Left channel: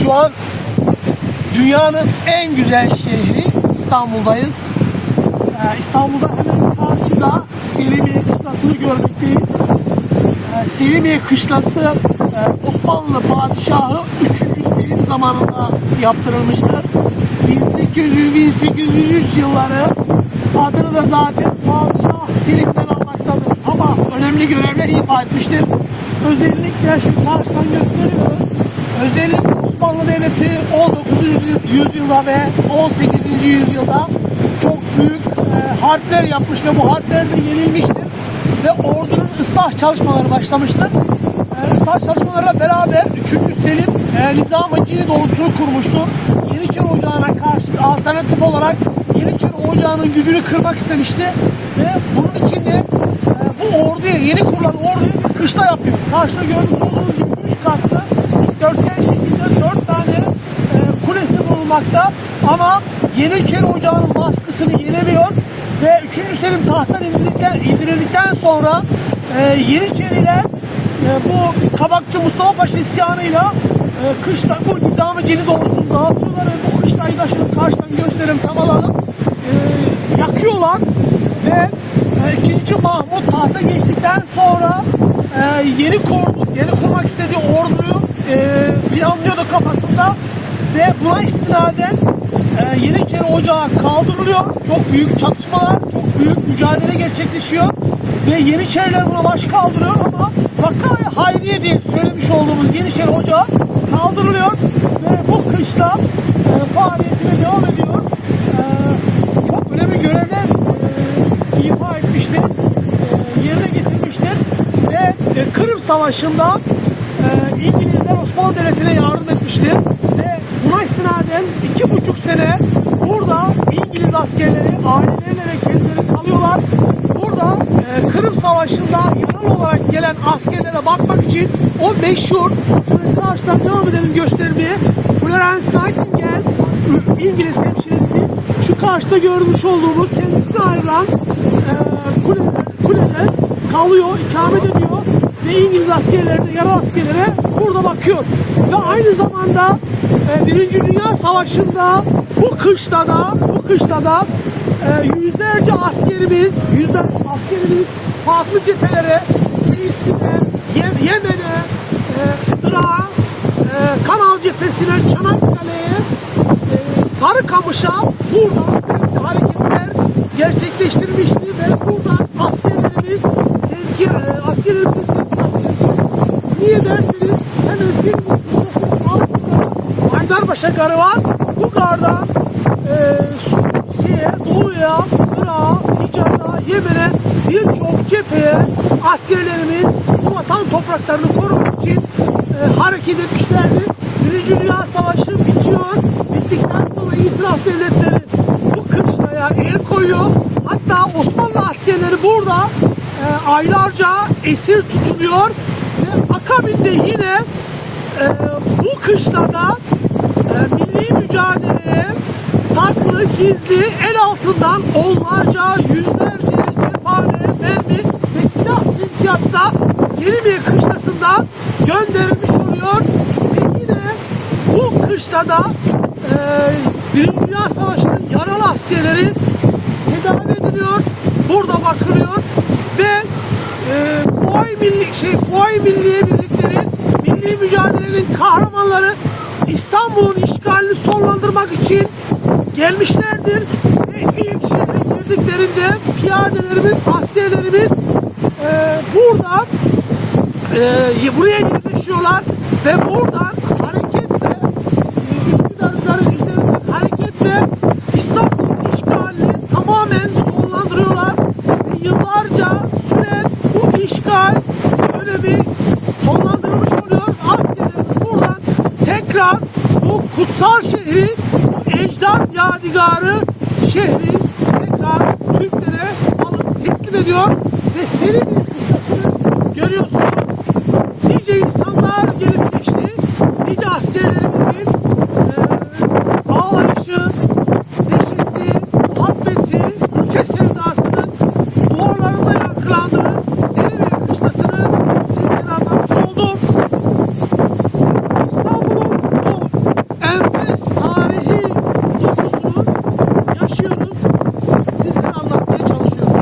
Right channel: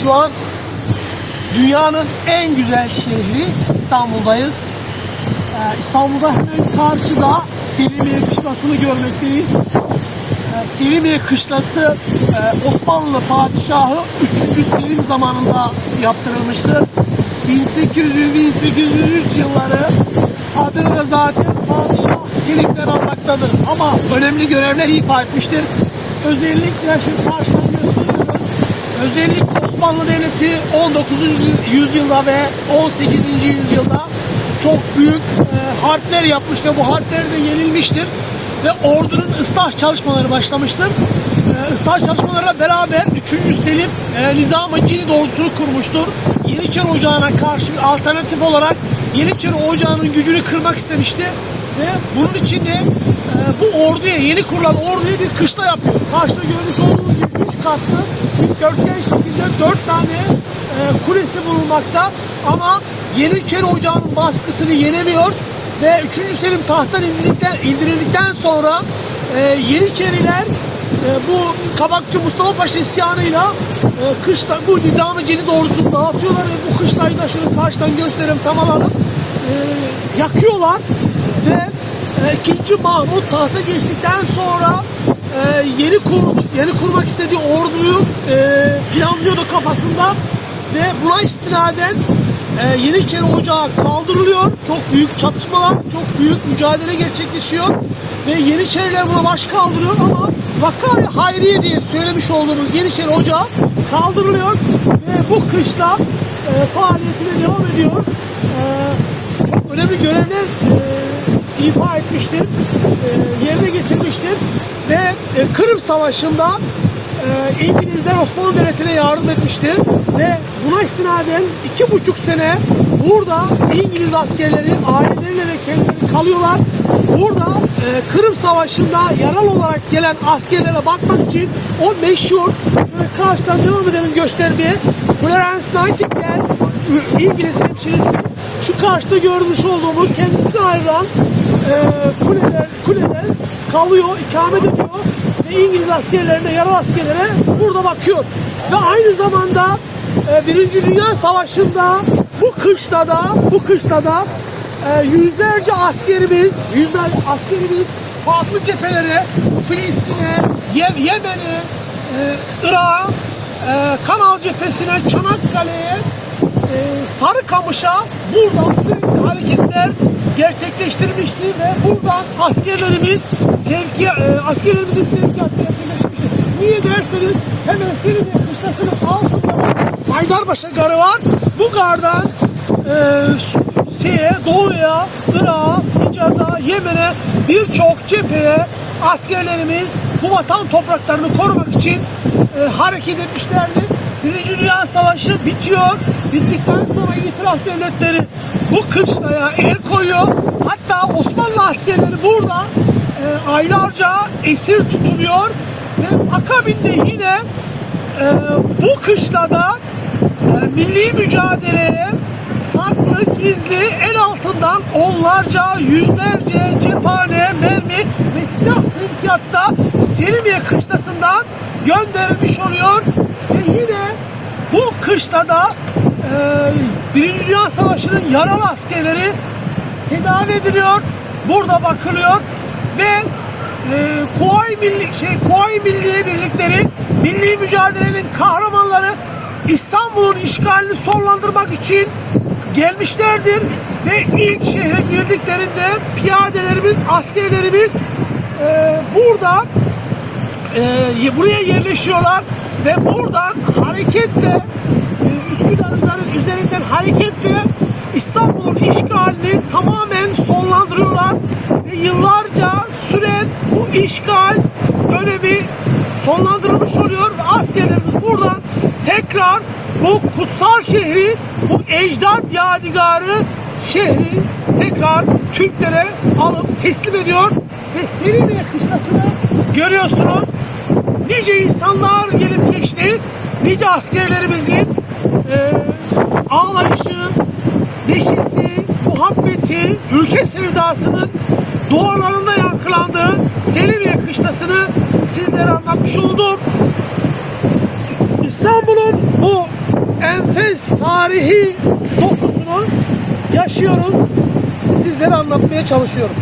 Şu an dünyanın en güzel şehri İstanbul'dayız. Ee, İstanbul'da hemen karşıda Selimiye Kışlası'nı görmekteyiz. Ee, Selimiye Kışlası e, Osmanlı Padişahı 3. Selim zamanında yaptırılmıştır. 1800-1803 yılları adını da zaten Padişah Selim'den almaktadır. Ama önemli görevler ifa etmiştir. Özellikle şimdi karşıdan gösteriyorum. Özellikle Osmanlı Devleti 19. yüzyılda ve 18. yüzyılda çok büyük e, harpler yapmış ve bu harplerde yenilmiştir. Ve ordunun ıslah çalışmaları başlamıştır. E, ıslah çalışmalarıyla beraber 3. Selim e, Nizam-ı Cini ordusunu kurmuştur. Yeniçeri Ocağı'na karşı bir alternatif olarak Yeniçeri Ocağı'nın gücünü kırmak istemişti. Ve bunun için de e, bu orduya, yeni kurulan orduya bir kışla yapıyor. Karşıda görmüş olduğunuz gibi 3 katlı dikdörtgen şekilde 4 tane e, kulesi bulunmakta. Ama Yeniçeri Ocağı'nın baskısını yenemiyor ve 3. Selim tahttan indirildikten, indirildikten sonra e, Yeniçeriler e, bu Kabakçı Mustafa Paşa isyanıyla e, kışla, bu Nizami Celil doğrultusunu dağıtıyorlar ve bu kışlayı da şöyle karşıdan gösterin e, yakıyorlar ve e, 2. Mahmut tahta geçtikten sonra e, yeni kurdu, yeni kurmak istediği orduyu e, planlıyordu kafasında ve buna istinaden e, Yeniçeri Ocağı kaldırılıyor. Çok büyük çatışmalar, çok büyük mücadele gerçekleşiyor ve Yeniçeriler buna baş kaldırıyor ama Vakka ve Hayriye diye söylemiş olduğumuz Yeniçeri Ocağı kaldırılıyor ve bu kışta e, faaliyetine devam ediyor. E, çok önemli görevler e, ifa etmiştir, e, yerine getirmiştir ve e, Kırım Savaşı'nda e, İngilizler Osmanlı Devleti'ne yardım etmiştir ve buna istinaden iki buçuk sene burada İngiliz askerleri aileleriyle ve kendileri kalıyorlar. Burada e, Savaşı'nda yaralı olarak gelen askerlere bakmak için o meşhur hemen karşıda edelim gösterdiği Florence Nightingale İngiliz hemşiresi şu karşıda görmüş olduğumuz kendisi ayrılan e, kuleden, kuleden kalıyor, ikamet ediyor ve İngiliz askerlerine, yaralı askerlere burada bakıyor. Ve aynı zamanda e, Birinci Dünya Savaşı'nda bu kışta da, bu kışta da e, yüzlerce askerimiz, yüzlerce askerimiz farklı cephelere, Filistin'e, Ye- Yemen'e, e, Irak'a, e, Kanal cephesine, Çanakkale'ye, e, Sarıkamış'a burada özellikle hareketler gerçekleştirmişti ve burada askerlerimiz sevki, e, askerlerimizin sevkiyatı Niye derseniz hemen Silivri kışlasının altında Haydarpaşa Garı var. Bu garda e, şeye, doğuya, Irak'a, Hicaz'a, Yemen'e birçok cepheye askerlerimiz bu vatan topraklarını korumak için e, hareket etmişlerdir. Birinci Dünya Savaşı bitiyor. Bittikten sonra itiraf devletleri bu kışlaya el koyuyor. Hatta Osmanlı askerleri burada e, aylarca esir tutuluyor ve akabinde yine e, bu kışlada e, milli mücadeleye saklı, gizli, el altından onlarca, yüzlerce cephane, mermi ve silah sevkiyatı da Selimiye kışlasından gönderilmiş oluyor. Ve yine bu kışlada e, Birinci Dünya Savaşı'nın yaralı askerleri tedavi ediliyor. Burada bakılıyor ve e, Kuvayi Milli şey Kuvayi Milliye Birlikleri milli mücadelenin kahramanları İstanbul'un işgalini sonlandırmak için gelmişlerdir ve ilk şehre girdiklerinde piyadelerimiz, askerlerimiz e, burada e, buraya yerleşiyorlar ve buradan hareketle e, Üsküdar'ın üzerinden hareketle İstanbul'un işgalini tamamen sonlandırıyorlar ve yıllarca süren bu işgal dönemi sonlandırılmış oluyor. Ve askerlerimiz buradan tekrar bu kutsal şehri, ecdat yadigarı şehri tekrar Türklere alıp teslim ediyor ve Selimiye kışlasını görüyorsunuz. Nice insanlar gelip geçti, nice askerlerimizin e, ağlayışı, neşesi, muhabbeti, ülke sevdasının dualarında yankılandığı Selimiye kışlasını sizlere anlatmış oldum. İstanbul'un bu enfes tarihi dokusunu yaşıyoruz. Sizlere anlatmaya çalışıyorum.